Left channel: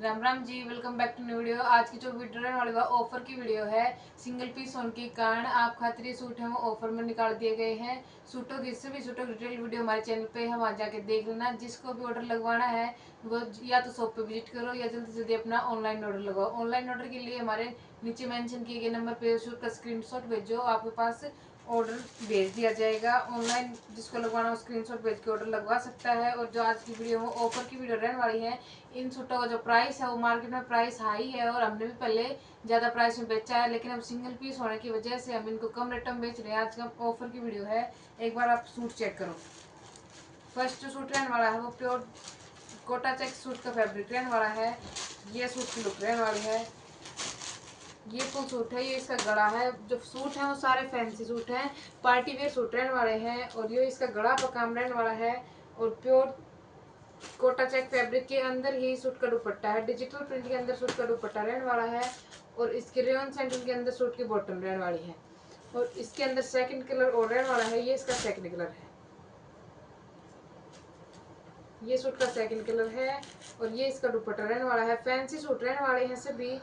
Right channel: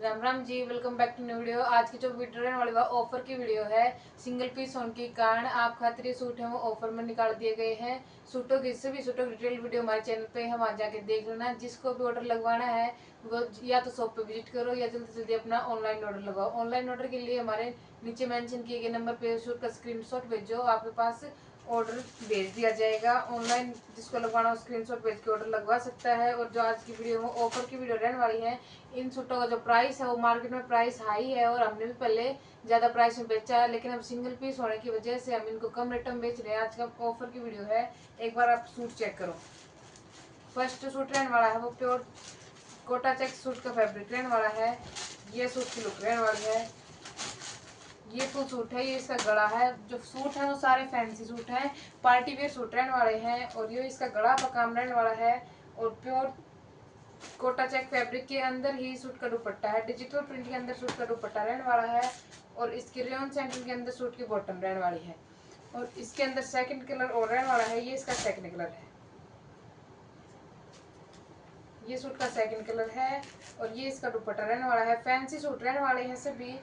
Ram Ram ji, welcome back to new video. आज की जो वीडियो रहने वाली है ऑफर की वीडियो है। सिंगल पीस होने के कारण आप खातिर ये सूट है वो ऑफर में निकाल दिए गए हैं। सूटों की इससे भी सूटों की डिटेल वीडियो हमारे चैनल पे है, वहाँ जाके देख लेना। जिसको भी ऑर्डर लगवाना है वो या तो शॉप पे विजिट करो या जल्दी से जल्दी अपना ऑनलाइन ऑर्डर लगाओ। ऑनलाइन ऑर्डर के लिए हमारे नीचे मेंशन किए गए नंबर पे सूट का स्क्रीनशॉट भेजो, आपके पास ऑर्डर भेज दिया जाएगा। ऑनलाइन जिसको लगवाना हो स्क्रीनशॉट भेज के ऑर्डर लगवा सकता है। और जो आज की वीडियो में ऑफर की वीडियो रहने वाली है, इन सूटों का जो प्राइस है वो मार्केट में प्राइस हाई है और हमने भी पहले ज़्यादा प्राइस में बेचा है, लेकिन अब सिंगल पीस होने की वजह से हम इनको कम रेट में बेच रहे हैं। आज का ऑफर की वीडियो है, एक बार आप सूट चेक करो। फर्स्ट जो सूट रहने वाला है वो प्योर कोटा चेक सूट का फैब्रिक रहने वाला है। ये सूट की लुक रहने वाली है। ये फुल सूट है, ये इसका गला है। जो सूट है वो सारे फैंसी सूट हैं, पार्टी वेयर सूट रहने वाले हैं। और ये इसका गला का काम रहने वाला है। और प्योर कोटा चेक फैब्रिक के अंदर ही सूट का दुपट्टा है। डिजिटल प्रिंट के अंदर सूट का दुपट्टा रहने वाला है। और इसके रेयन सेंटर के अंदर सूट की बॉटम रहने वाली है। और इसके अंदर सेकंड कलर और रहने वाला है, ये इसका सेकंड कलर है। ये सूट का सेकंड कलर है। और ये इसका दुपट्टा रहने वाला है। फैंसी सूट रहने वाले हैं सभी।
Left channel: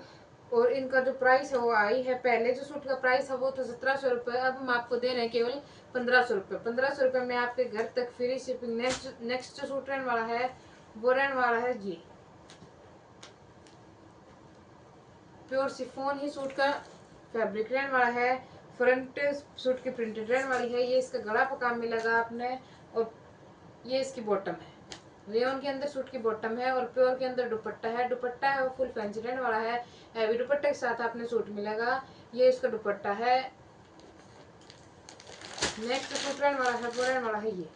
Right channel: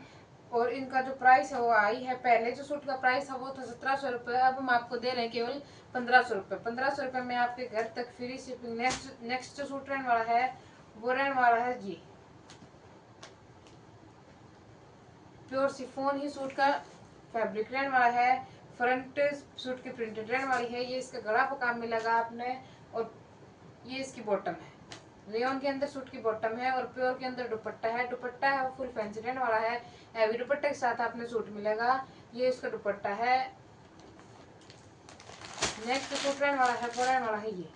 और इनका जो प्राइस है वो आई है, पहले जो सूट का प्राइस है वो था 1700 रुपये, अब हम आपको दे रहे हैं केवल 1500 रुपये। 1500 रुपये में आपके घर तक फ्री शिपिंग। नेक्स्ट जो सूट रहने वाला है वो रहने वाला है जी प्योर शिफॉन ही सूट का फैब्रिक रहने वाला है। फ्रंट सूट की प्रिंटेड रहने वाली है। ये इसका गला पर काम मिलेगा आपने। और ये इसकी बॉटम है, रेयन के अंदर सूट की बॉटम है। और प्योर के अंदर दुपट्टा है। दुपट्टा है वो फुल फैंसी रहने वाला है। हैवी दुपट्टे के साथ आपने सूट मिलेगा। ये इसका दुपट्टा है। नेक्स्ट सूट रहने वाला है वो रहने वाला है ये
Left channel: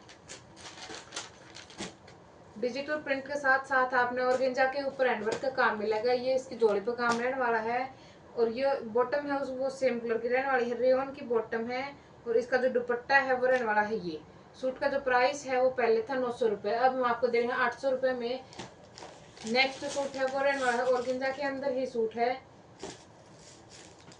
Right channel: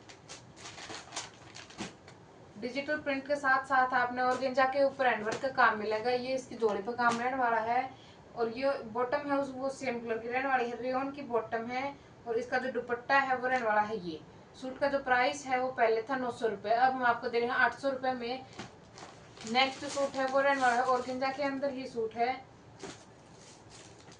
डिजिटल प्रिंट के साथ साथ आपने ऑर्गेंजा के ऊपर हैंडवर्क का काम मिलेगा। ये इसकी जोड़ी पर काम रहने वाला है। और ये बॉटम है वो सेम कलर की रहने वाली है, रेयन की बॉटम है। और इसका जो दुपट्टा है वो रहने वाला है ये। सूट का जो प्राइस है वो पहले था 900 रुपये, अब हम आपको दे रहे हैं 800 रुपये में। नेक्स्ट सूट है वो रहने वाला है ऑर्गेंजा के अंदर ही सूट है।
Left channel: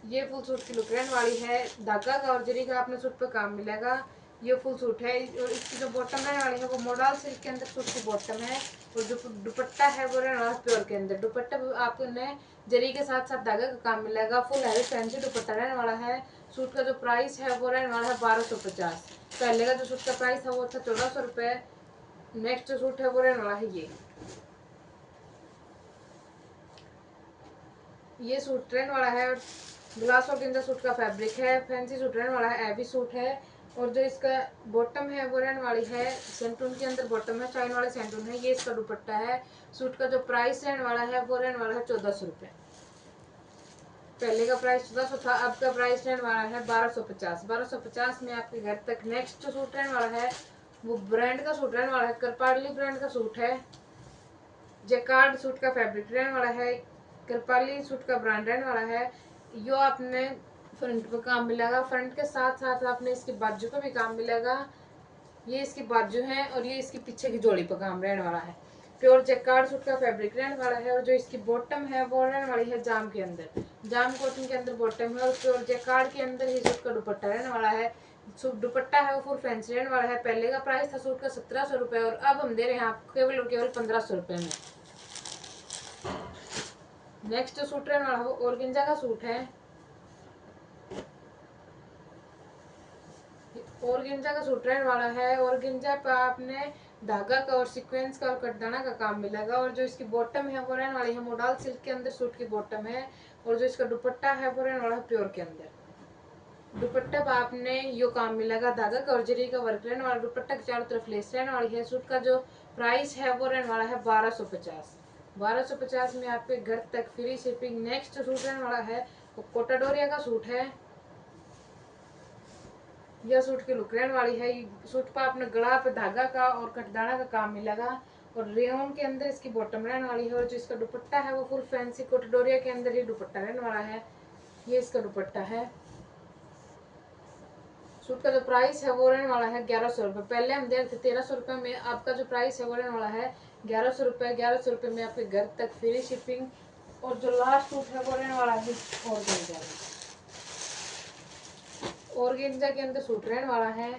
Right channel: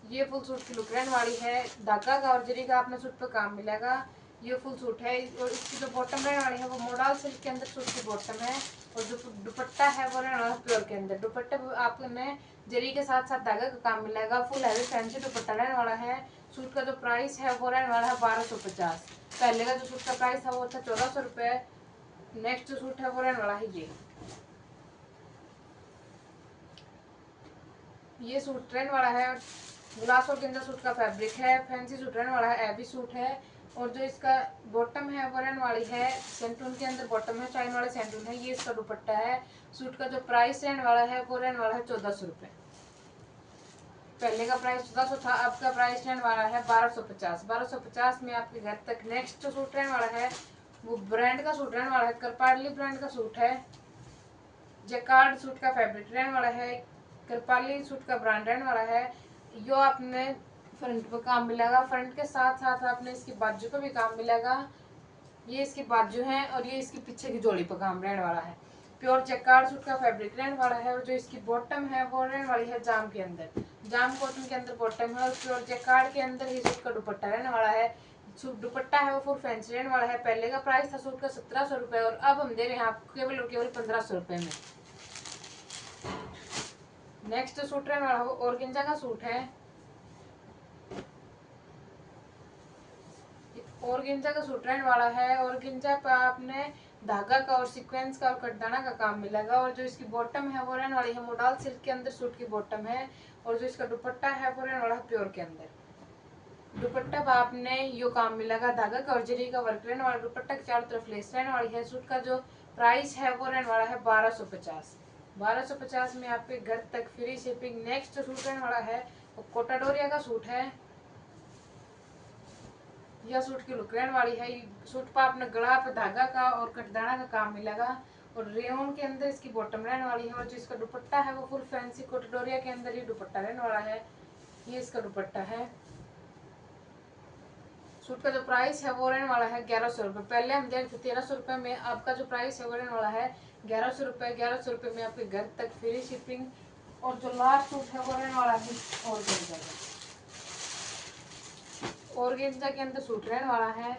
ये फुल सूट की लुक रहने वाली है। धागा का और जरी का आपने सूट पे काम मिलेगा। ये फुल सूट है। और इसकी जो बॉटम रहने वाली है वो मोडाल सिल्क के अंदर सूट की बॉटम है। और जो दुपट्टा है वो रहने वाला है प्योर के अंदर। दुपट्टे आपने जरी के साथ साथ धागा का काम मिलेगा। फुल हैवी फैंसी दुपट्टा रहने वाला है। सूट का जो प्राइस है वो रहने वाला है 1250। पहले का जो सूट का प्राइस था वो था 1400 रुपये। नेक्स्ट जो सूट है वो रहने वाला है ये सूट रहने वाला है। ग्लास ऑर्गेन्जा सूट का फैब्रिक है। फैंसी सूट रहने वाला है, हैवी सूट है। और जो इसका बॉटम है वो रहने वाली है सेंटून के अंदर बॉटम है, चाइन वाले सेंटून है। ये इसका दुपट्टा है। सूट का जो प्राइस रहने वाला है वो रहने वाला है 1400 रुपये। पहले का प्राइस 1400 था, अब का प्राइस रहने वाला है 1250। 1250 में आपके घर तक। नेक्स्ट जो सूट रहने वाला है वो ब्रांड का सूट रहने वाला है, करपाली ब्रांड का सूट है। जैकार्ड सूट का फैब्रिक रहने वाला है। करपाली सूट का ब्रांड रहने वाला है। यो आपने फ्रंट पे काम मिलेगा, फ्रंट के साथ साथ आपने इसकी बाजू पे भी काम मिलेगा। ये इसकी बाजू है और ये इसकी पीछे की जोड़ी पे काम रहने वाला है। प्योर जैकार्ड सूट का फैब्रिक रहने वाला है। और जो इसकी बॉटम है वो रहने वाली है जाम के अंदर, जाम कॉटन के अंदर बॉटम है। और प्योर जैकार्ड के अंदर ही सूट का दुपट्टा रहने वाला है। सूट दुपट्टा है वो फुल फैंसी रहने वाला है। पहले का प्राइस था सूट का 1700 रुपये, और अब हम दे रहे हैं आपको केवल और केवल 1500 रुपये में। नेक्स्ट सूट रहने वाला वो ऑर्गेन्जा का सूट है। ऑर्गेन्जा का सूट रहने वाला है। ऑर्गेन्जा पर आपने धागा का और सीक्वेंस का और कटदाना का काम मिलेगा। और जो इसकी बॉटम है वो रहने वाली है मोडाल सिल्क के अंदर सूट की बॉटम है। और जो इसका दुपट्टा है वो रहने वाला है प्योर के अंदर। दुपट्टा पर आपने यो काम मिलेगा, धागा का और जरी का वर्क रहने वाला। दुपट्टा के चारों तरफ लेस रहने वाली है। सूट का जो प्राइस है वो रहने वाला है 1250। 1250 में आपके घर तक फ्री शिपिंग। नेक्स्ट सूट रहने वाला है वो कोटाडोरिया का सूट है। यह सूट की लुक रहने वाली है। सूट पर आपने गला पे धागा का और कटदाना का काम मिलेगा। और रेयन के अंदर इसकी बॉटम रहने वाली है। और जो इसका दुपट्टा है वो फुल फैंसी कोटाडोरिया के अंदर ही दुपट्टा रहने वाला है। ये इसका दुपट्टा है। सूट का जो प्राइस है वो रहने वाला है 1100 रुपये। पहले हम दे रहे थे 1300 रुपये में, आपका जो प्राइस है वो रहने वाला है 1100 रुपये। 1100 रुपये में आपके घर तक फ्री शिपिंग। और जो लास्ट सूट है वो रहने वाला है ऑर्गेन्जा के अंदर सूट रहने वाला है।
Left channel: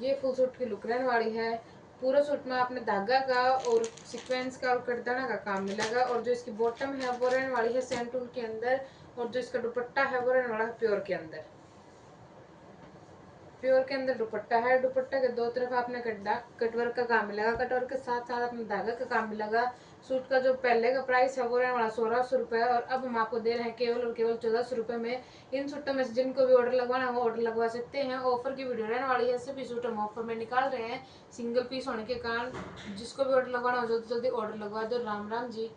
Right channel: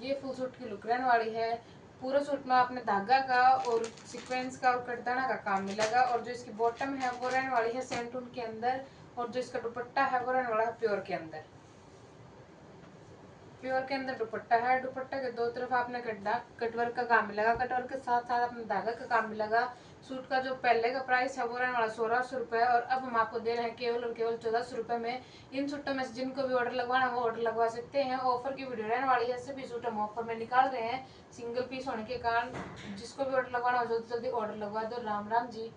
ये फुल सूट की लुक रहने वाली है। पूरा सूट में आपने धागा का और सीक्वेंस का और कटदाना का काम मिलेगा। और जो इसकी बॉटम है वो रहने वाली है सेंटून के अंदर, और जो इसका दुपट्टा है वो रहने वाला है प्योर के अंदर। प्योर के अंदर दुपट्टा है। दुपट्टा के दो तरफ आपने कटवर्क का काम मिलेगा, कटवर्क के साथ साथ आपने धागा का काम मिलेगा। सूट का जो पहले का प्राइस है वो रहने वाला 1600 रुपये, और अब हम आपको दे रहे हैं केवल और केवल 1400 रुपये में। इन सूटों में से जिनको भी ऑर्डर लगवाना है वो ऑर्डर लगवा सकते हैं। ऑफर की वीडियो रहने वाली है, सभी सूट हम ऑफर में निकाल रहे हैं सिंगल पीस होने के कारण। जिसको भी ऑर्डर लगवाना हो जल्दी जल्दी ऑर्डर लगवा दो। राम राम जी।